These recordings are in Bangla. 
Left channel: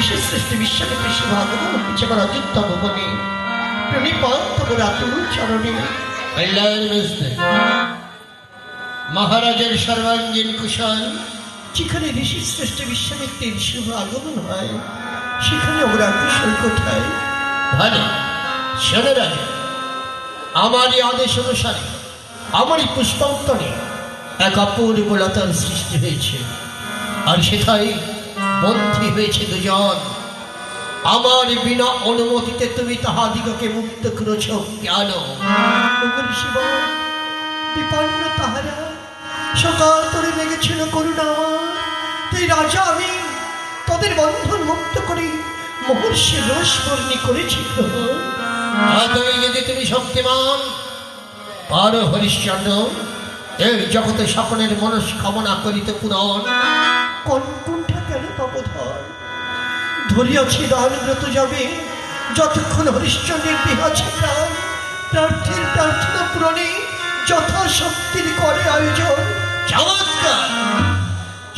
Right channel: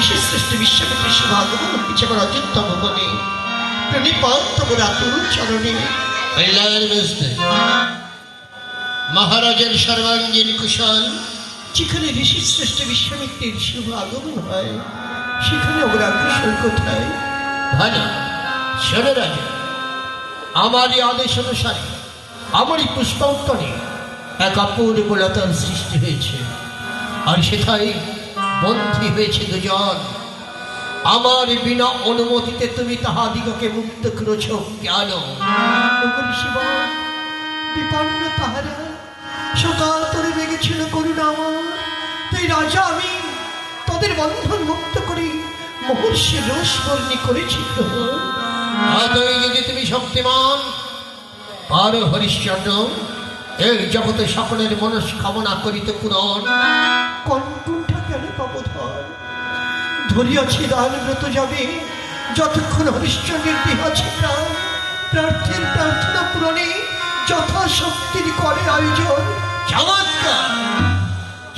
বিশেষ সৃষ্টি বিশ্বকর্মী শিবাগমন হয়েছে আমার অযোধ্যা ভবনে। প্রণিপাত তোমার আতুল চরণে। মহারাজের সর্বাঙ্গীন কুশল। যেখানে ঋষি সৃষ্টি বিশ্বামিত্রের শুভ আগমন হয়, সেখানে অগ্রাগ্রসর কোথায়? ভালো শোনো রাজা, আমারই আদেশ অনুসারে আমারই পুষ্পান্তরে এক অপূর্ব লতার সৃষ্টি হয়েছে, আর সেখানে বন্দী হয়েছে দুজন। আমার বিনা অনুমতিতে তুমি তাহাদিগকে মুক্ত করেছ কেন? বিপন্ন তাহারা সকাতরে লেগেছিল করুণা আমার, তাই রাজা আমি তাদের বন্ধন মুক্ত করে মহর্ষি রোষ বর্ণী করেছি। যদি তুমি শক্তিমান পারো হরিশ্চন্দ্র এই জগতে সকলের মনস্কামনা করিতে পূরণ। কণ্ঠা কেন তপধর ধরিয়াছি দানব্রত যাবে, যতক্ষণ হরিশ্চন্দ্রের দেহ আছে প্রাণ। প্রার্থীর প্রার্থনা পূরণে যথাশক্তির করে আয়োজন। চমৎকার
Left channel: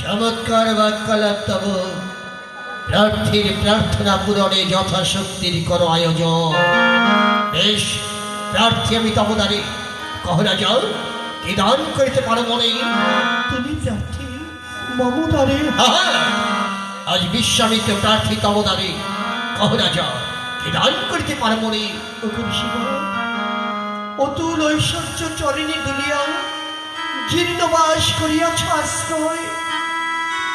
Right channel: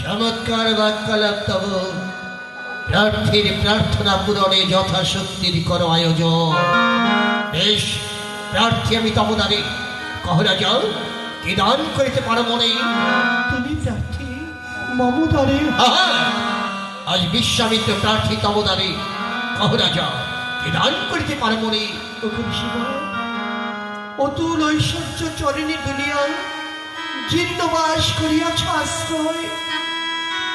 চমৎকার বাক্যালাপ তব। প্রার্থীর প্রার্থনা পূরণে যথাশক্তির করো আয়োজন। বেশ, প্রার্থী আমি তবদারে কহ রাজা, কি দান করিতে পারো মনে? তুমি প্রার্থী মমতারে। আজ বিশ্বামিত্র প্রার্থী তবদারে কহ রাজা, কি দান করিতে পারো মনে? অতুল ঐশ্বর্য চরণী দুনিয়া জীর্ণবাস করিয়াছ আশ্রয়।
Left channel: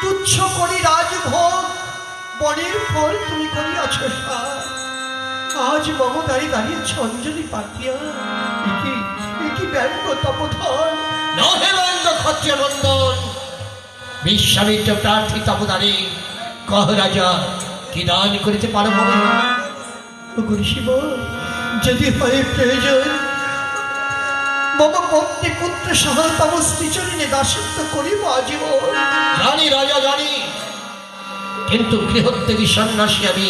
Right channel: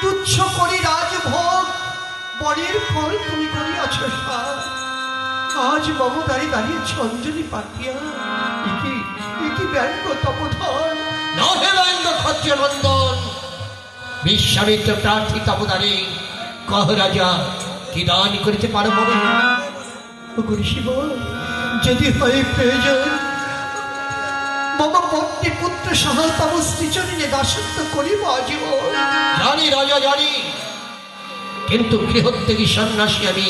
তুচ্ছ করি রাজভোগ বনের ফল তুমি করিয়াছ সার। আজ মমতারে দাঁড়িয়েছ অঞ্জলি পাতিয়া, একি ব্যঙ্গ তপধর। নহে ব্যঙ্গ ক্ষত্রিয় নন্দন। বিশ্বামিত্র প্রার্থী তপদারে কহ রাজা, কি দান করিতে পারো মনে? শিব, যদি হয় প্রয়োজন মম পত্নী পুত্র সহ তব শ্রীচরণে দাসত্ব করিব আজীবন। জানি রাজা জানি, কিন্তু গৃহত্যাগী সন্ন্যাসী আমি,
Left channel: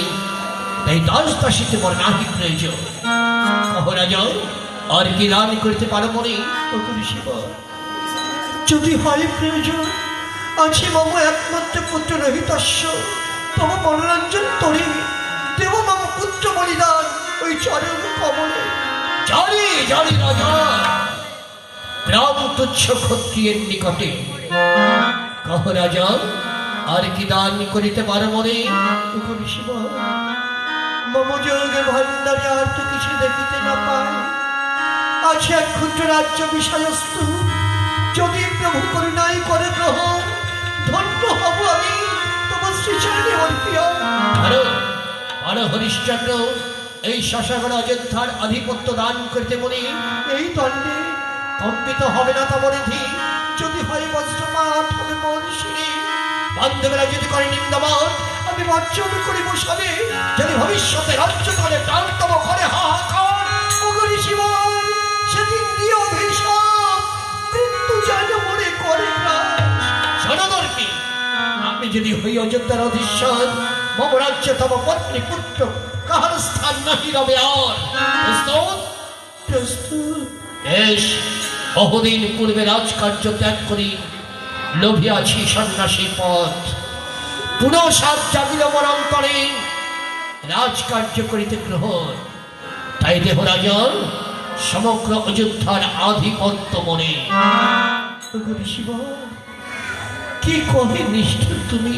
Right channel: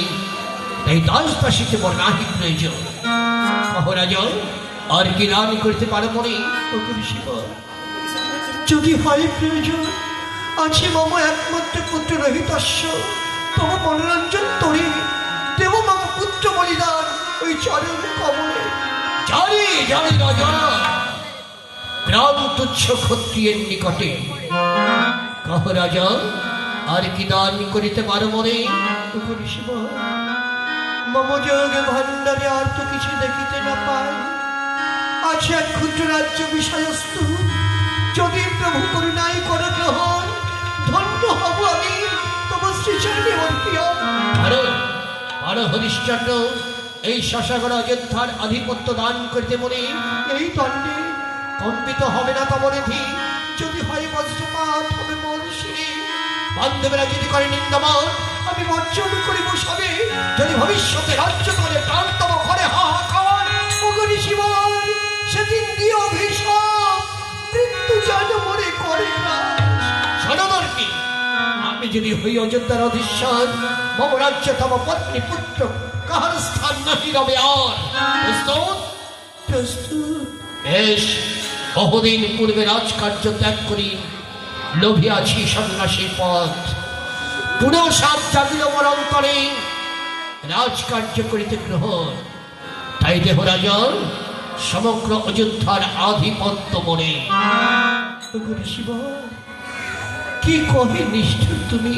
তাই দাস দাসীতে বর নাহি প্রয়োজন। কহ রাজা, আর কি দান করিতে পারো মনে? শিব, যদি হয় প্রয়োজন আছে মম একমাত্র পুত্র রহিতস্য, তব মনোরঞ্জন তরি দেব মম পুত্র বলিদান ওই চরণ কমলে। জানি জানি রাজা, প্রাণ তুচ্ছ ক্ষত্রিয়ের নিকটে। কহ রাজা, আর কি দান করিতে পারো মনে? শিব, মম যোগে ভান্ডারে আর তো কিছু দেখিতে না পাই। আছে এক ক্ষুদ্র রাজ্য বিষয়স্তু, যদি প্রভু করুণাই করে গ্রহণ, ধন্য হব আমি তোমার শ্রীচরণে অর্পিয়া। আরো হরিশ্চন্দ্র এই শশাগড় অযোধ্যার আধিপত্য দান করিতে মনে? এই দণ্ডে কম্পিত হবে না তব নিধি। যদি হয় বজ্রপাত হবে মন শিরে, বান্ধবেরা যদি করে নিন্দামান, আমি বর্জন করিব সবে। যদি ভবিষ্যতে রাজ্য করে প্রাণ তব ঘরে হাহাকার। ওগরি শিব, সেদিন দিয়ে অভিশাপ মৃত্যু যেন মনে করে গ্রাস। জনদর্পী, আমি যদি হই অযোধ্যার অধীশ্বর, মম রাজ্য তব পত্নী পুত্র কাহার স্থান নাহি রবে আর। প্রস্তুত? প্রস্তুত। বেশ, বহুদিন পূর্বে রাজকার্য ত্যাগ করি লোভিয়াছি সন্ন্যাসীর পথ। পুনঃ সাপ জাগিল মর অন্তরে, রাজকার্য করিতে গ্রহণ। তাই দেহ রাজন সমগ্র অযোধ্যার আধিপত্য মনে। শিব, কি কহে নিষ্ঠুর তুমি,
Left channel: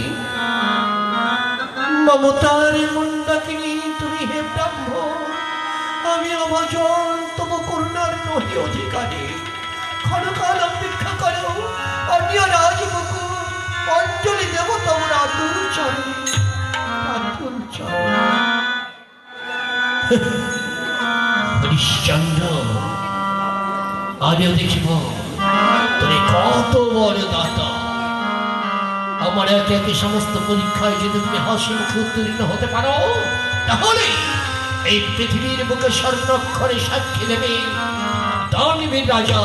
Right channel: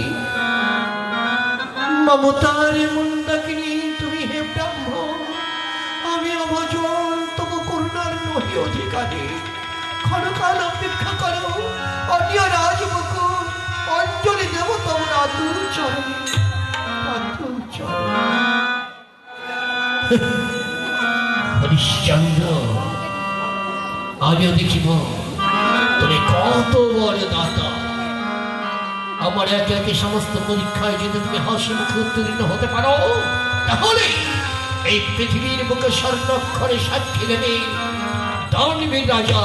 মমতার মন্দাকিনী তুমি হে ব্রাহ্মণ। আমি অভজন তব করুণার নহি অধিকারী। ক্ষণকাল অপেক্ষা করো, অন্য রাজবকুল অঞ্জলি দেব তোমার আতুল চরণে। আতুল চরণে। হরিশ্চন্দ্র, আজও দেখিব তুমি কত বড় দাতা। আমার একে একে সমস্ত পরীক্ষায় যদি তুমি হাসি মুখে উত্তীর্ণ হতে পারো, তাহলে এই পৃথিবীর বুকে স্বর্ণাক্ষরে সাক্ষী নেবে দানবীর রাজা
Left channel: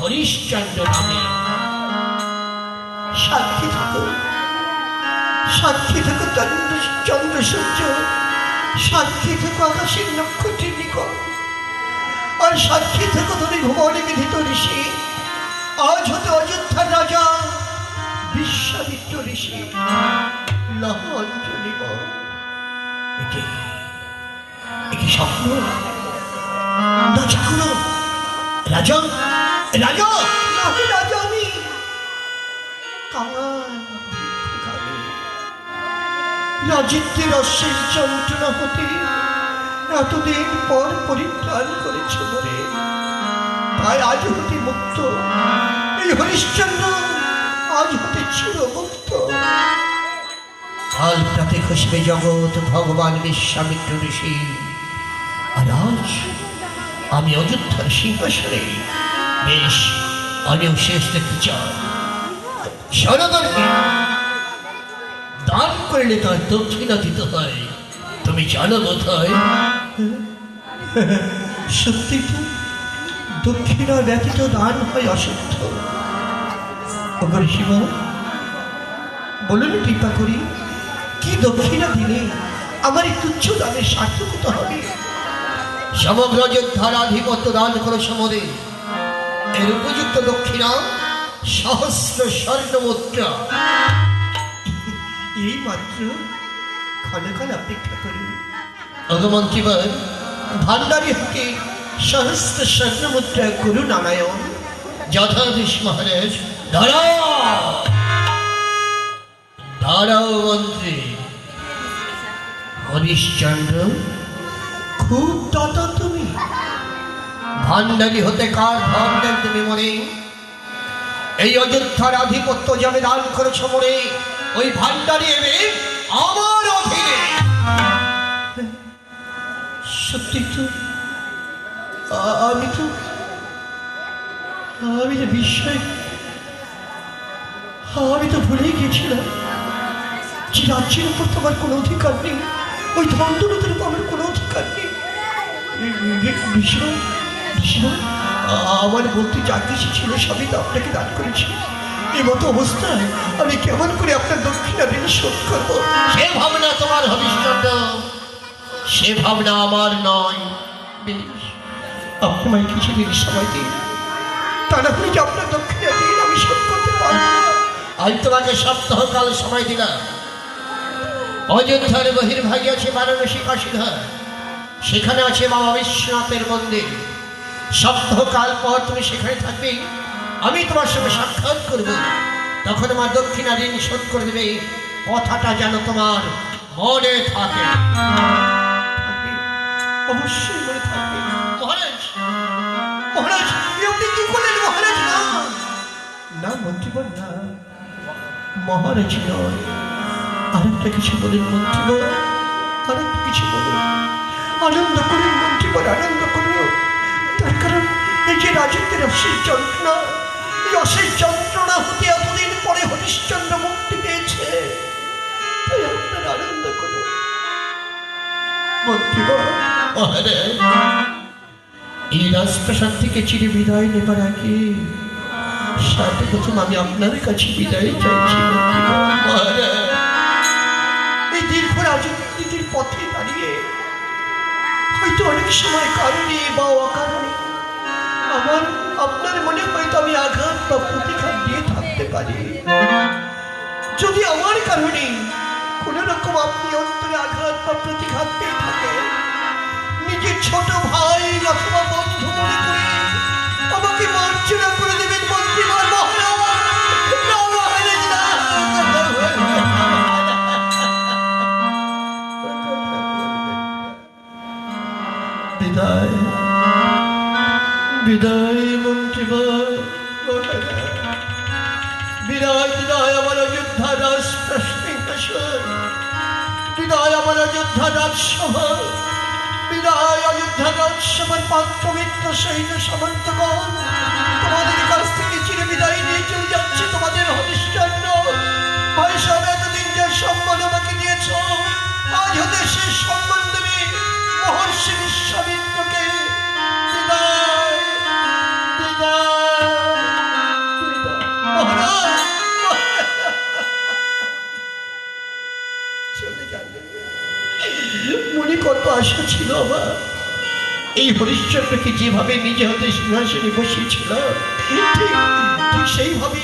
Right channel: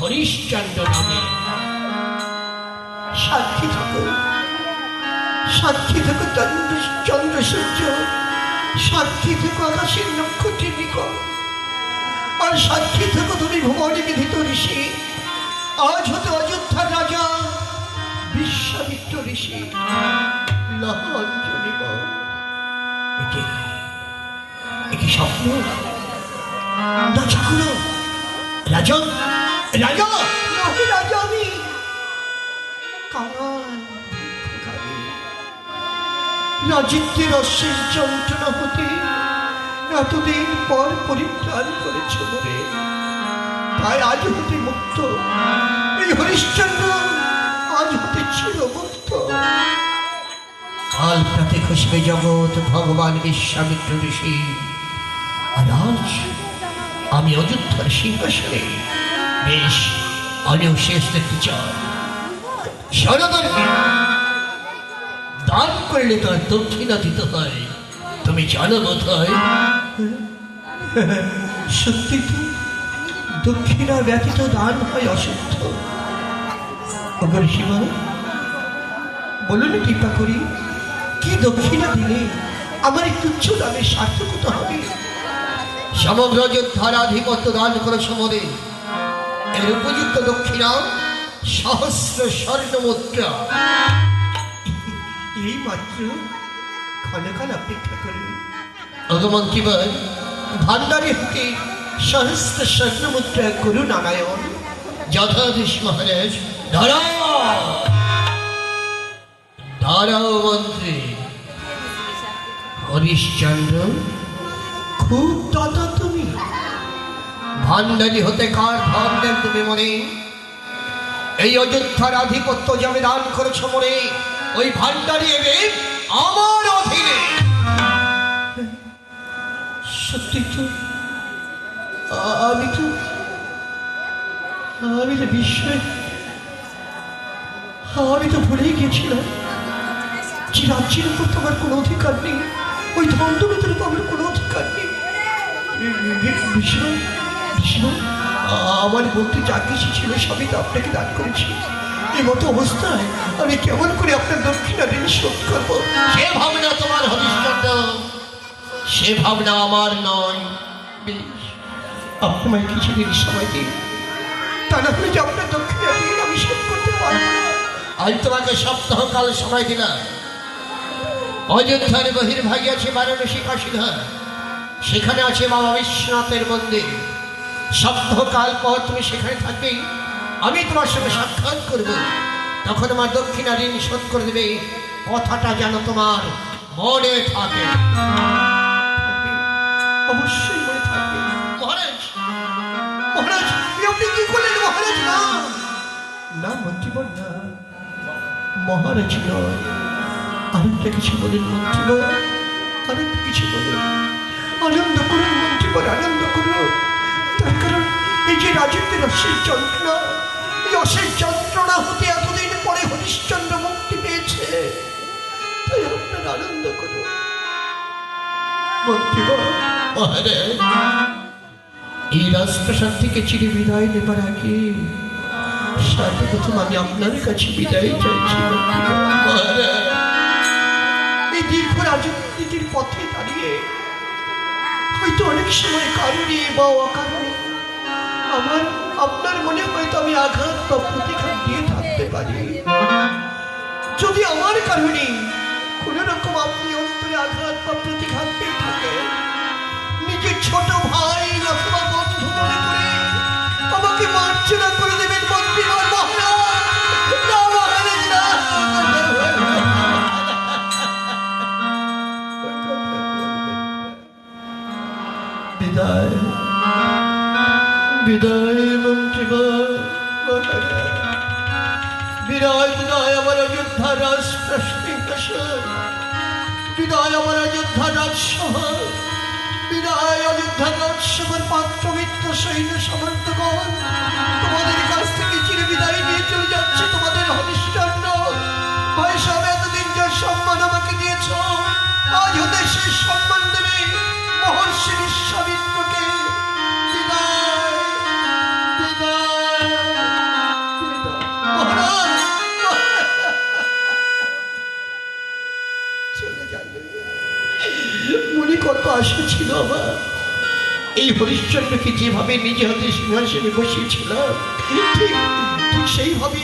হরিশ্চন্দ্র নামে। সাক্ষী থাকো, সাক্ষী থাকো চন্দ্র সূর্য, সাক্ষী থেকো আকাশের নক্ষত্রের নিকট, আর সাক্ষী থেকো তুমি ভুবনে বিধিত ঋষি। আজ হতে অযোধ্যার রাজা বিশ্বামিত্র ঋষি। লহ অঞ্জলি বল। একটি স্বপ্ন না জাগলো। রাজা রাজা নাকি রাজা আমি রাজত্বের অশ্বের যন্ত্রণা হতে এতদিন পর পরিত্রাণ করেছ বলে তাই আজ হতে মুক্ত। এই হরিশ্চন্দ্র আজ হতে ছিল মুক্ত। কাল প্রাতে খসবে জগৎ ভগবান বিশ্বামিত্র ঋষি। আর আজ আমি অযোধ্যার সিংহাসনে বেশ আমিও শেষ দেখতে চাই। সনাতনকে দান করলে তার দক্ষিণা দিতে হয়, তুমি জানো বোধ হয়? সত্যি তো দক্ষিণা ব্যতীত দান হয় অশুদ্ধ। ওগর শিবা বলুন কৃপা করি কি দক্ষিণা দিলে আমার এই তুচ্ছ দানের সার্থকতা হবে? সমগ্র যোদ্ধার আধিপত্য দান করে সমদে এর উপযুক্ত দক্ষিণা সহস্র স্বর্ণ মুদ্রা। এই মাত্র ক্ষণকাল অপেক্ষা করি। অগমন্ত্রীবর ভান্ডারী হতে সহস্র স্বর্ণ মুদ্রা করুন নারায়ণ। যথাদেশ মহারাজ। দাঁড়াও দাঁড়াও মন্ত্রী। হরিশ্চন্দ্র খুব দাদা তুমি ভান্ডারী হতে কার ভান্ডার তুমি মনে? এই অযোধ্যার আধিপত্য যাবে দান করেছ মনে, ওই ভান্ডারী এবে আমার অধীনে। সত্যি তো আমি তো বিস্ময় আমি তো ভুলেই গেছিলাম যে রাজ্যের উপর তোমার কোনো অধিকার নেই, ওই ধন দৌলতের উপর আমার কোনো অধিকার নেই। বিষ্ণু বিষ্ণু আমার বলতে যা কিছু ছিল সবই তো আপনাকে দান করেছি। এই মতো অবস্থায় আমি কেমন করে আপনার দক্ষিণা ঋণ শোধ করবো? সে ভাবনা তোমার হরিশ্চন্দ্র, সে ভাবনা আমার নয়। বেশ, আপনার কিছুদিন সময় দিন, তা না হলে যে আপনার দক্ষিণা ঋণ আমি শোধ করতে পারবো না। আমি তোমাকে সপ্তাহকাল সময় দিলাম। অযোধ্যার বহির্ভাগে আছে বারাণসী কাশীধার, সেখানে আছে বাবা বিশ্বনাথের মন্দির। সপ্তাহকাল পর তুমি সেখানে থাকবে, আমি তোমার সঙ্গে সাক্ষাৎ করব। তখন আমার দক্ষিণা ঋণ শোধ করে দেবে, কথাটা যেন তোমার মনে থাকে। অবশ্যই মনে থাকবে। মহারাজ মহারাজ আপনি কি করলেন? মহারাজ না না মন্ত্রীবর না, মহারাজ নয়, আরেকটা কিছু বলেন মন্ত্রীবর, আরেকটা কিছু বলেন। আনন্দ করুন মন্ত্রীবর, আনন্দ করুন। তার কারণ এই যে রাজত্বের অশেষ যন্ত্রণা, এই অশেষ যন্ত্রণা হতে এতদিন পরে হরিশ্চন্দ্র মুক্তি পেয়েছে, তাই আপনার আনন্দ করুন মন্ত্রীবর। মহারাজ, এই রাজপ্রাসাদ থেকে চিরে বিদায় নেবার আগে সাথে প্রথম আমি আপনার কাছে বিদায় চাইছি। মহারাজ, এই দীর্ঘ রাজনীতির পথে দাঁড়িয়ে হয়তো অনেক সময় কারণে বা অকারণে আমার আপনার মনে হয়তো আমি আঘাত বা প্রতিঘাত দিয়ে থাকতে পারি। যদি আমার কারণে কোন রকম আপনি অন্তরে আঘাত বা প্রতিঘাত পেয়ে থাকেন, নিজের ছোট ভাই অথবা বন্ধু মনে করে আমাকে মার্জনা করে দেবেন মন্ত্রী। বিদায় বিদায় মন্ত্রীবর, বিদায় বিদায় আমার অযোধ্যা রাজপ্রাসাদ, বিদায় আমার অযোধ্যা রাজসভা, বিদায় অযোধ্যা রাজসভার পাত্র মিত্র সৈন্য সামন্তগণ। তোমাদের কাছ থেকে চিরে বিদায় নিয়ে চলে যাচ্ছে তোমাদের হরিশ্চন্দ্র। ভাই সব এতদিন যে সম্মান আমাকে দিয়েছ, আজ হতে সে সম্মান দেবে মহর্ষি বিশ্বামিত্রকে। বিদায় বিদায় বিদায়। চলে যাবে। মনে কত আশা ছিল আমার, এই হরিশ্চন্দ্রকে যেভাবে নিজে হাতে সিংহাসনে বসিয়েছিল ঠিক সেইভাবে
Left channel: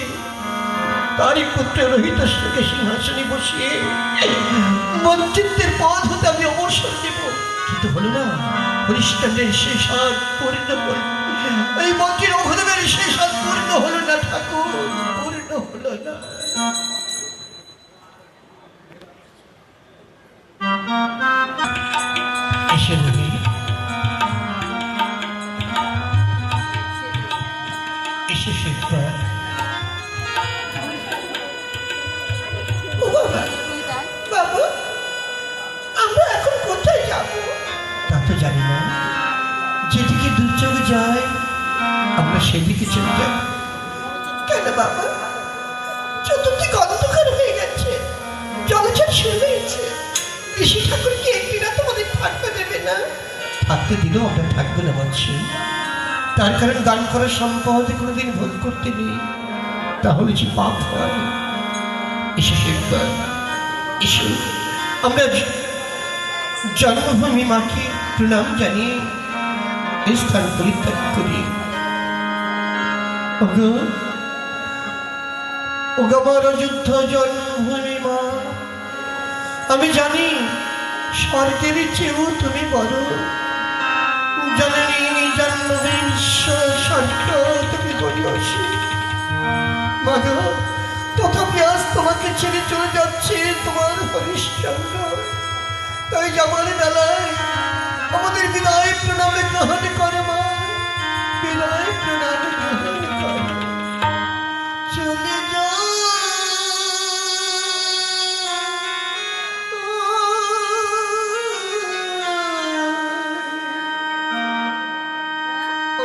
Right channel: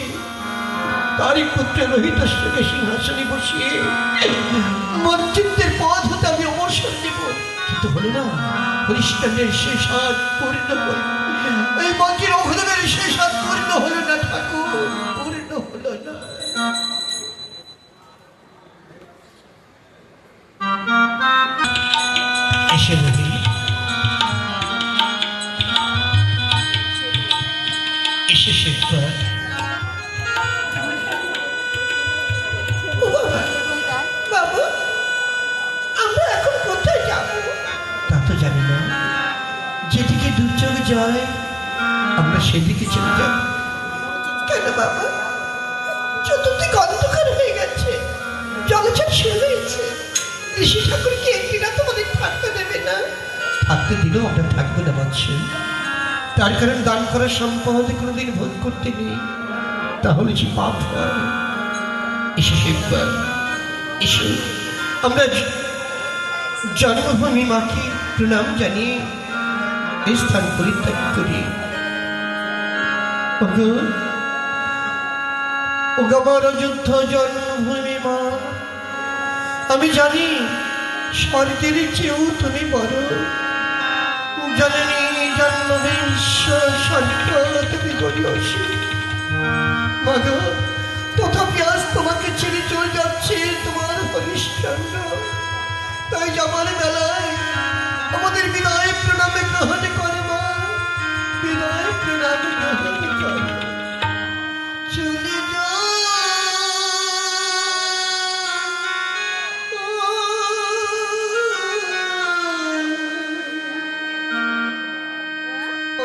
তারই পুত্র রোহিতাশ্বরকে সিংহাসনে বসিয়ে মঞ্চিত্বের পথ হতে আমি অবসর দেব। কিন্তু হলো না, হরিশ্চন্দ্রের শেষ হাত পূর্ণ হল, এই মন্ত্রীর অঘোরের শেষ হাত পূর্ণ হলো না ঠাকুর, পূর্ণ হলো না। এসে রবি, এসে শেখবার। বাবু, আমরা এখন কোথায় যাব? তা তো জানি না, যেদিকে দুর্যোগ যায় আমরা সেদিকে চলে যাব। কেন বাবা? চতুর্দিক অন্ধকার হয়ে গেছে, জলছট শুরু হয়েছে। ঋষি ঠাকুর কি একদিনা তোমাদের থাকতে দেবে না? থাকতে দিলেও আমরা থাকবে না মানছি। তার কারণ দান করার সম্পদ কোনোদিন ভোগ করতে নেই, তাহলে যে পাপ হয়। এসে শেখবার, এসো আমরা জন্মভূমি মাকে প্রণাম জানিয়ে এই স্থান পরিত্যাগ করি। ওগো, ওগো আমার অযোধ্যা জন্মভূমি মা, আমি জানি স্বর্গের চেয়েও তুমি বড়। জননী জন্মভূমি বিশ্ব স্বর্গ তুমি করিয়াছি মাগো, তথাপি আজ তোমাকে ছেড়ে চলে যাচ্ছে তোমার হরিশ্চন্দ্র। তাই যাবার বেলায় আমাদের বিদায় প্রণামে গ্রহণ করো মা, বিদায় প্রণামে গ্রহণ করো। চলে যাও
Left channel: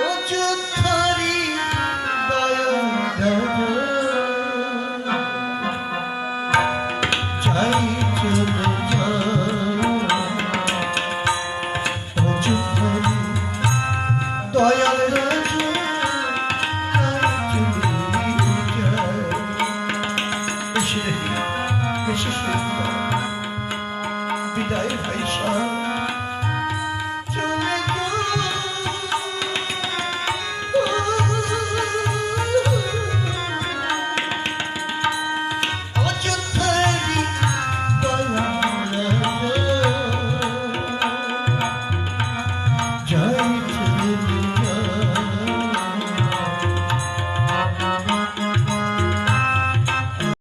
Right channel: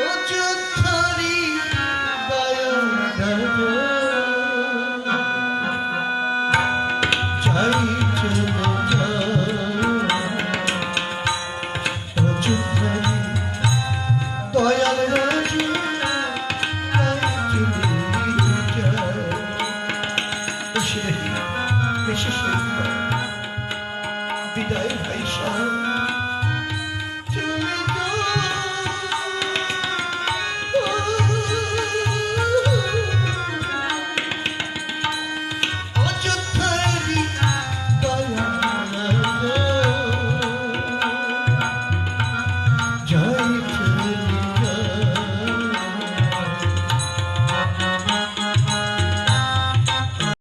অযোধ্যারি বায়ুধর, যাই চলে দয়াল রাজু, বিদায় ভাই সাহেব।